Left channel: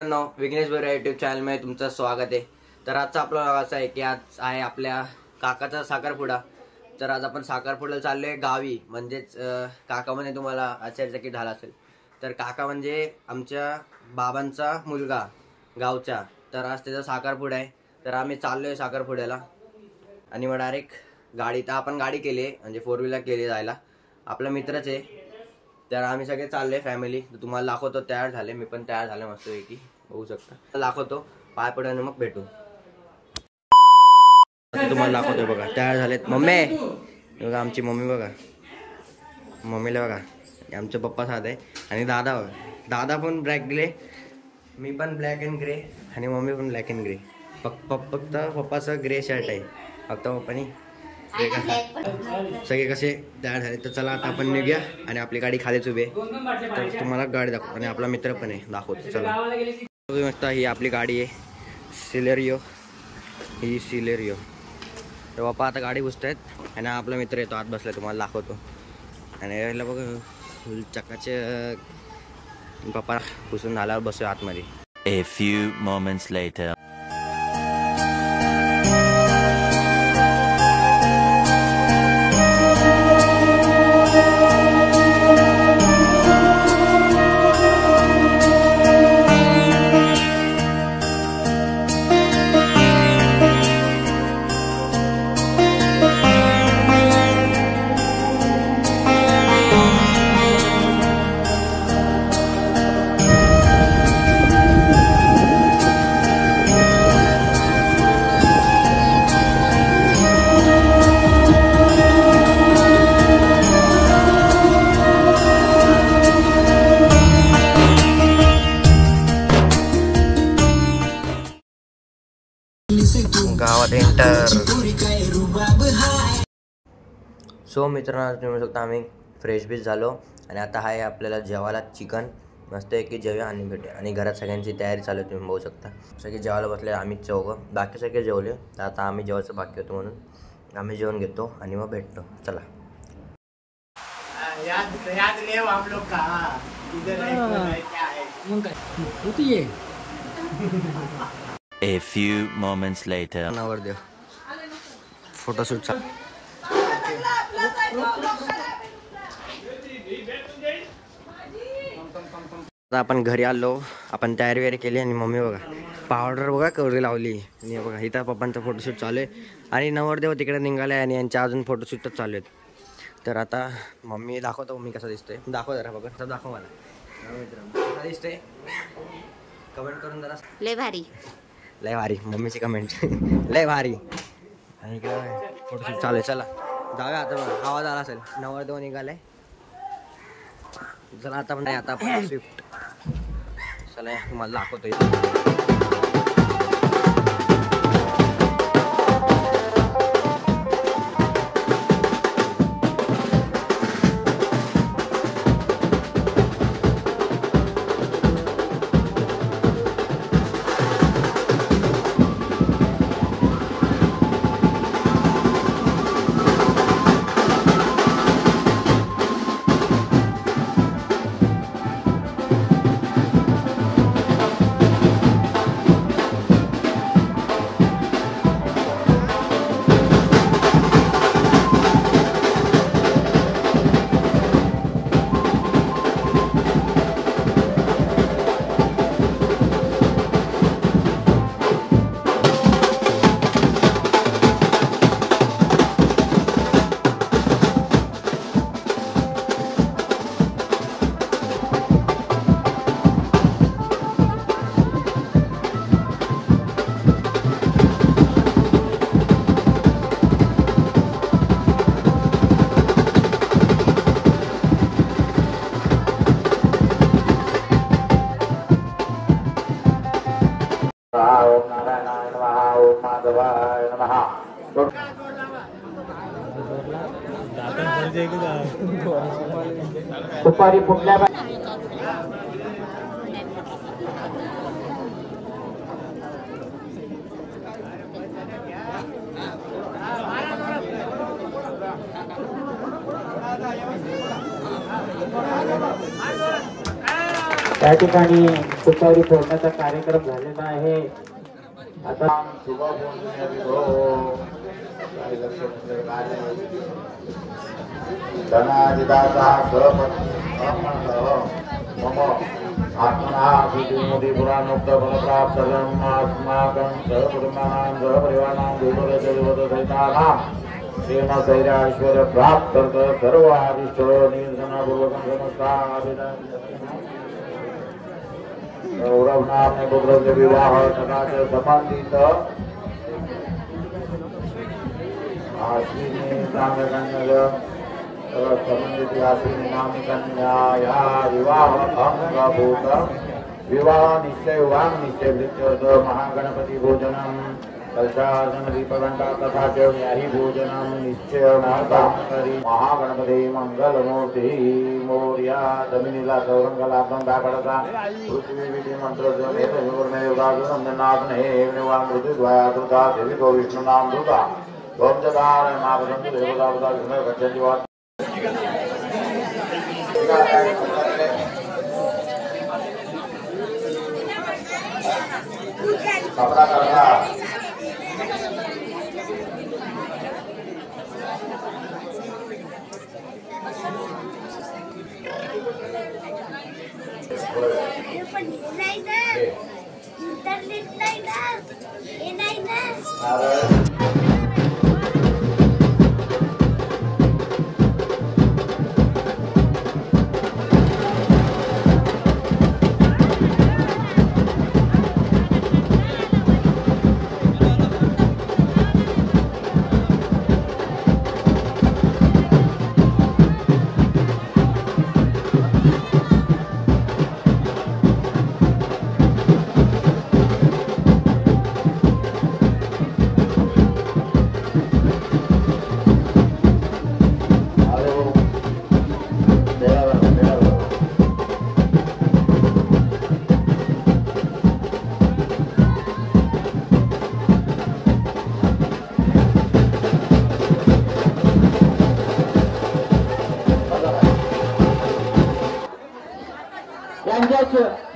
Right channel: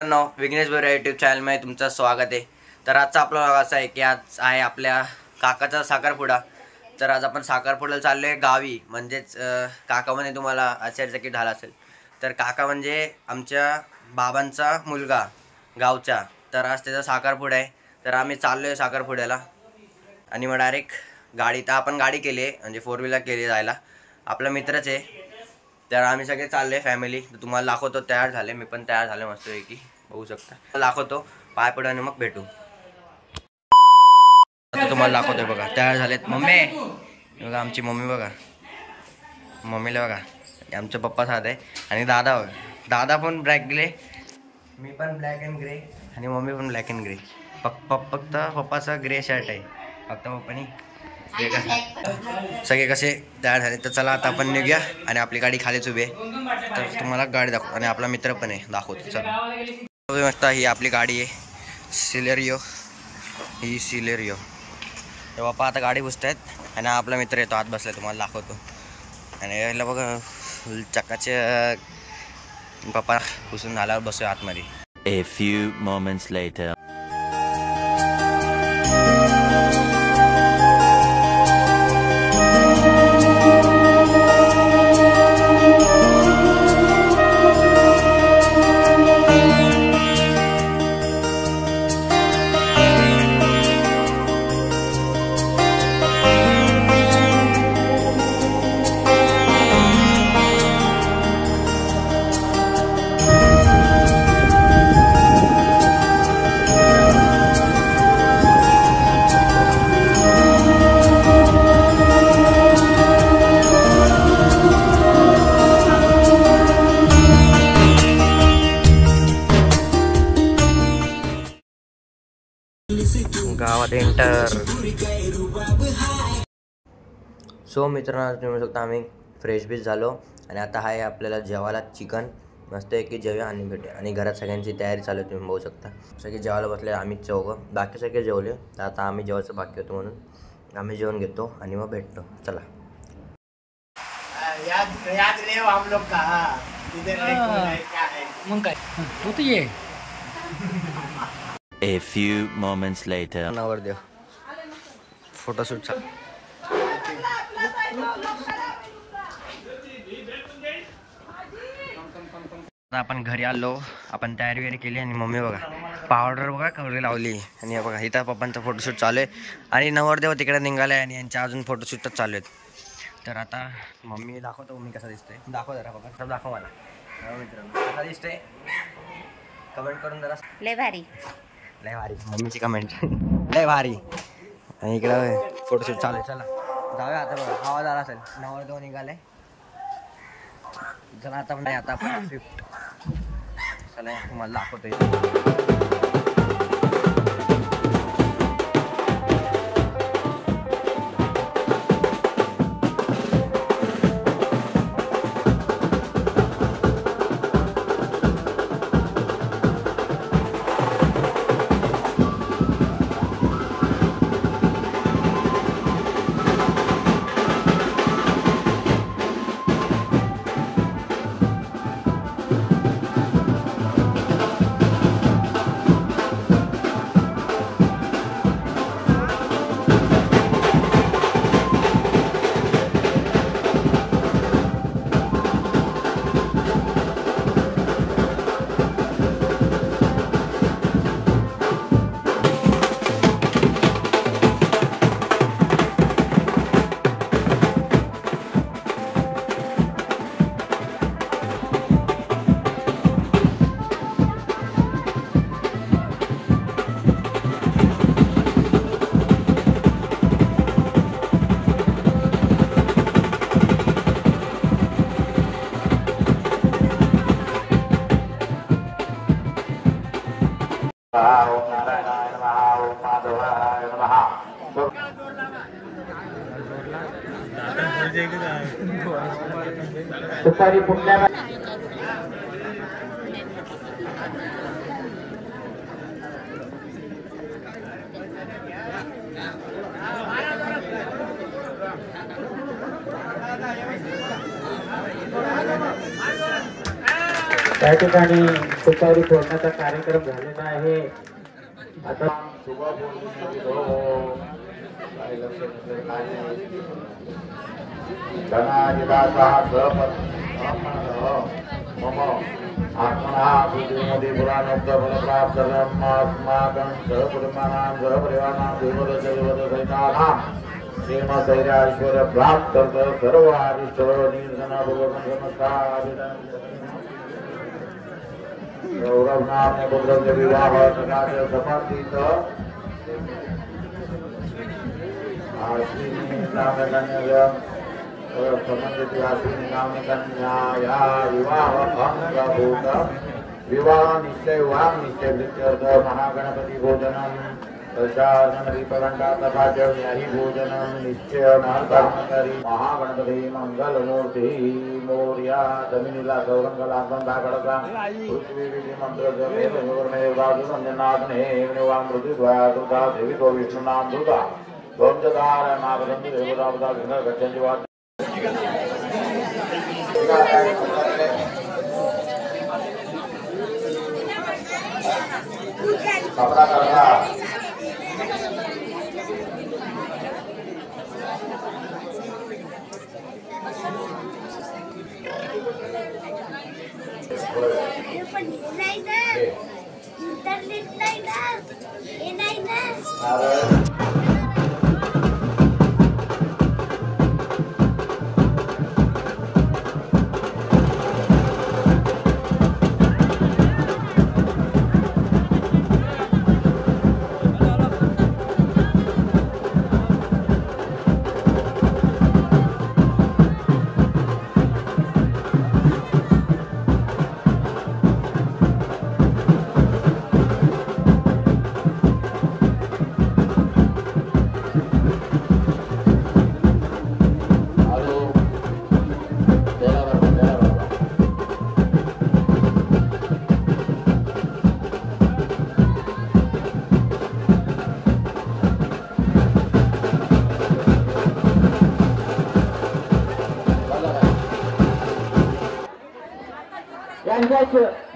विघ्नेश बोरे यूट्यूब चॅनलमध्ये तुमचं स्वागत आहे। तर आजचा आपला व्लॉग असा आहे की आज आहे आपल्या काकाचा साखरपुडा। तर आज आपण साखरपुड्याला चाललोय गावी, म्हणजेच काका म्हणजे तुम्हाला आश्चर्यचकित झाला असेल, तर काका म्हणजे आमच्या बाबांचा मुलगा गावचा। तर आज त्याचा साखरपुडा आहे, तर आम्ही चाललोय साखरपुड्याला आणि मग डायरेक्ट गाडी, तर आपण गाडी केली आहे म्हणजे 4 व्हीलर केली जायला, आपला मित्रच आहे। तर आम्ही सगळे चालले फॅमिली। तर तुम्हाला दाखवतो, तयार झाले, मी पण तयार झाले मस्तपैकी, बघू शकता। दाखवतो पाय पडू आणि मग भेटू। आता तुम्हाला दाखवतोय बघा, तयार झालेत। मम्मी बघा, आमची मम्मी बघा, मम्मीला बघा, आमचे पप्पा साधे आणि दादा बघा, दादा पण ब्लॅक ग्रे, मी पण ब्लॅक अँड ग्रे आणि मम्मी पण ब्लॅक अँड ग्रे। फक्त पप्पाचा ग्रे शर्ट आहे, फक्त पप्पानी सगळे कसे तयार झाले। तर चला आता आपण निघूया आणि आपली गाडी खालीच उभी आहे, तर तुम्हाला गाडी दाखवतो आणि आपला मित्र पण आहे, दाखवतो चला। मस्त, ही आपली गाडी आहे सिलेरियो, ही सिलेरियो। तर बाप्पा आता गाडी पुसतायत आणि आपला मित्र येतो, आत बसलाय, तुम्हाला दाखवतो। आणि याला बघा फुल चकाचे, पप्पा पुसून झाल्यावर बसूया आतमध्ये। A few moments later. गावात एंटर। सो मित्रांनो, तुम्ही शकता आम्ही फ्रेश बीच झालो आणि आता आहे आपल्याला जेवायला चिकन, मस्त आहे की जेवूया आणि भेटूया। आणि घरात सगळ्यांची तयारी चालू आहे, तुम्ही बघू शकता, सगळे जेवायला बसले, आम्ही चौघं, बाकी सगळे जेवले। तर आता आम्ही जेवायचं बाकी होतं म्हणून आम्ही जेवण घेतो आणि मग भेटतो, चला। मग काय तू तर ये। A few moments later. नवरदेव फोटोशूट आपण घरी आलो, आपण तयारी वगैरे केली आणि मम्मी बघा पावडर बघा कवरी लावली आणि बघा इथं पप्पांचा फोटोशूट चालू आहे आणि नवरदेव तिकडे निघाले आणि यांच्या अजून फोटोशूटच चालू आहेत। तर आता मम्मी दाखवतो मी कसा दिसतोय, दाखव जरा बघा, सब दाखव मला मित्रांनो कसा दिसतोय, कमेंट करून जरा। लय भारी, लय भारी, मम्मीची कमेंट लय भारी। आणि इकडं फोटोशूट चालू आहे, चला जाऊया आता। बघा आवाज आला असेल, नवरदेव निघालाय, चला आता पण आता आपण स्विफ्ट, चला तुम्हाला दाखवतोय। दुपारी पुढल्या त्या ठिकाणी सुपारी फोडण्याचा कार्यक्रम झालेला आहे. आता श्रीमैराश्वर प्राप्त सर्व आदिश्वर निर्धनापूर्वक नमस्कार गौरवनाम पुत्र विवाह सकाळ संबंधित आश्विनी नामकन्या संबंधित आश्विनी नामकन्या या विवाह अंगभूत विवाह निश्चय वांग निश्चय वृत्त महागणपति भोजनम कलशासन दीपघंटा तथा च न्यायी भोजनम निश्चय महागणपति महागणपति मंगलमूर्ति मोर्या जमिनीला गौरंगला बंधा खडका पृथ्वी विधी मंत्र नंदनाथ हे निवांग ऋतुद्वया दुर्गा देवी गो विष्णु नाम दुर्गा वंशधार महागणपति देवता बता विष्णु गच्छन्ति वा कपड़ा करना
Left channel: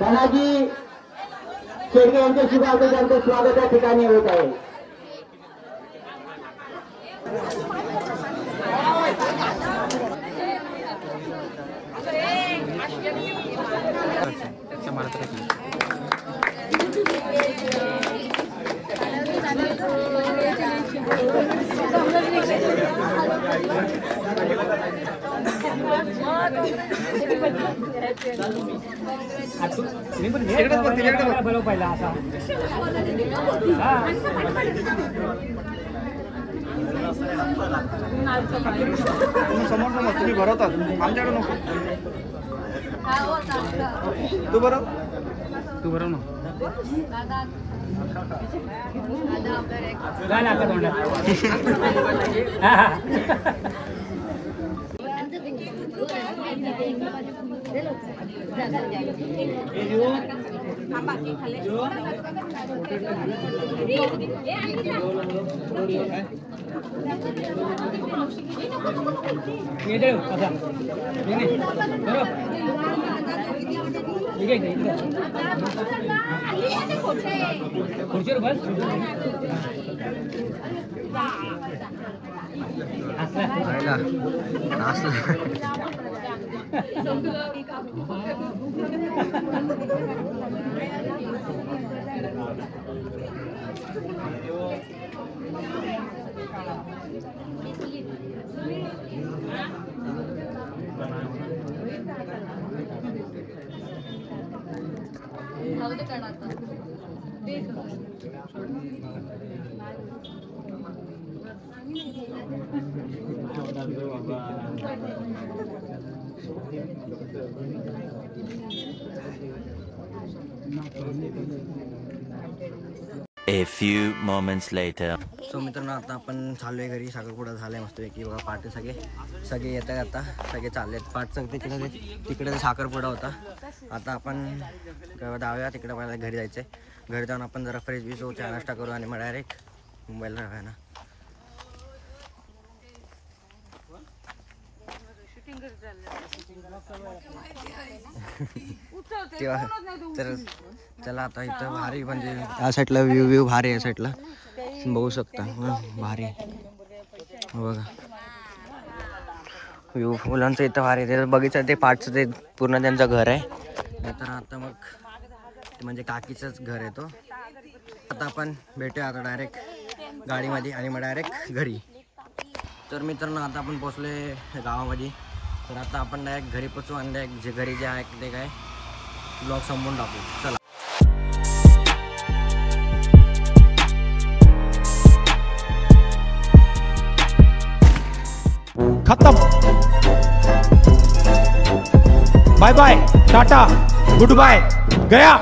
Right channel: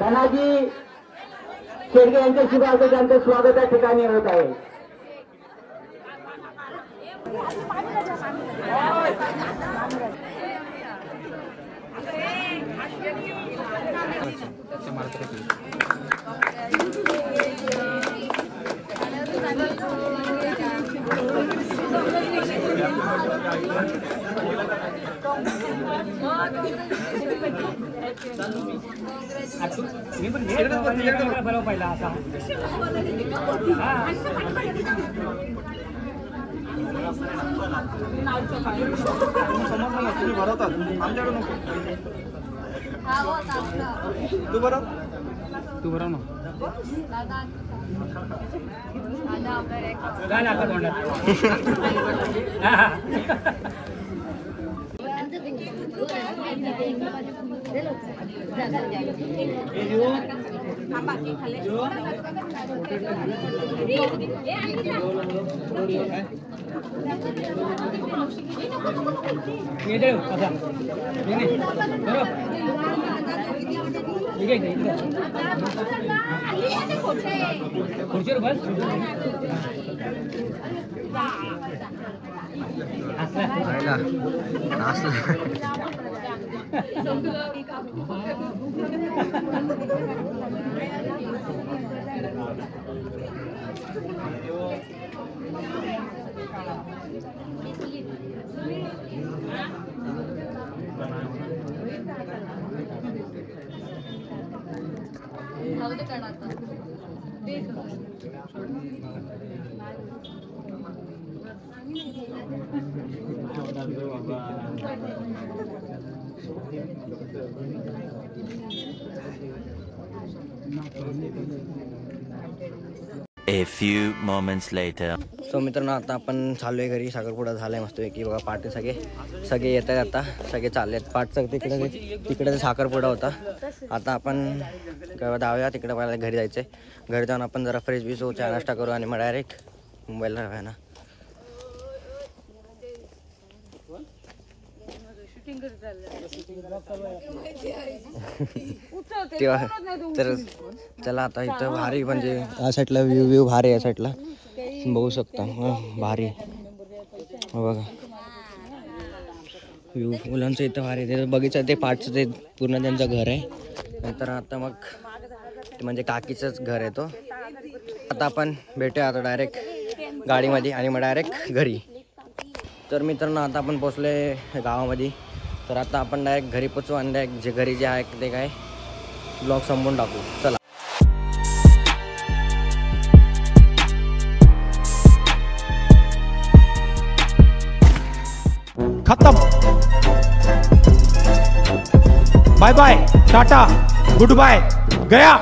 धनाजी शेडगे यांचे स्वागत यांचं स्वागत या ठिकाणी होत आहे. तुम्ही भरवता आमच्याकडे नको तू भरव ना खुर्चीवर बस A few moments later. So मित्रांनो आता आपण चाललो आहे घरी. साखरपुडा झालाय मस्त की बघा. पाटे सगळे येत आहेत. आता सगळे चाललेत. पाठ सगळे तिकडे ते साखरपुडा होता. आता आपण जाऊया तिकडे. मला घरी जायचंय. घरी जाऊन आपण जरा फ्रेश बीस हो, चहा नाश्ता करू आणि मग डायरेक्ट मुंबईला राहूया ना. तेव्हा तर चला आता इथं भारी म्हणजे या साईडला व्ह्यू भारी आहे, या साईडला बघू शकता भारी बघा व्ह्यू फुलांचं इथं भारी आहे. बगीचा ते पाठचं ते पूर्ण त्यांचं घर आहे. तर आता मग ते म्हणजे काकीचंच घर आहे तो. आता आपण भेटूया आता डायरेक्ट गाडीमध्ये आणि मग डायरेक्ट घरी. तर मित्रांनो आता आपण पोचलोय गावामध्ये. तर आता आपण डायरेक्ट घरी पोचू आणि डायरेक्ट जे घरी जे आहे ते काय ब्लॉग संपवून टाकू. चला खत्म. Bye bye, tata, goodbye, गया.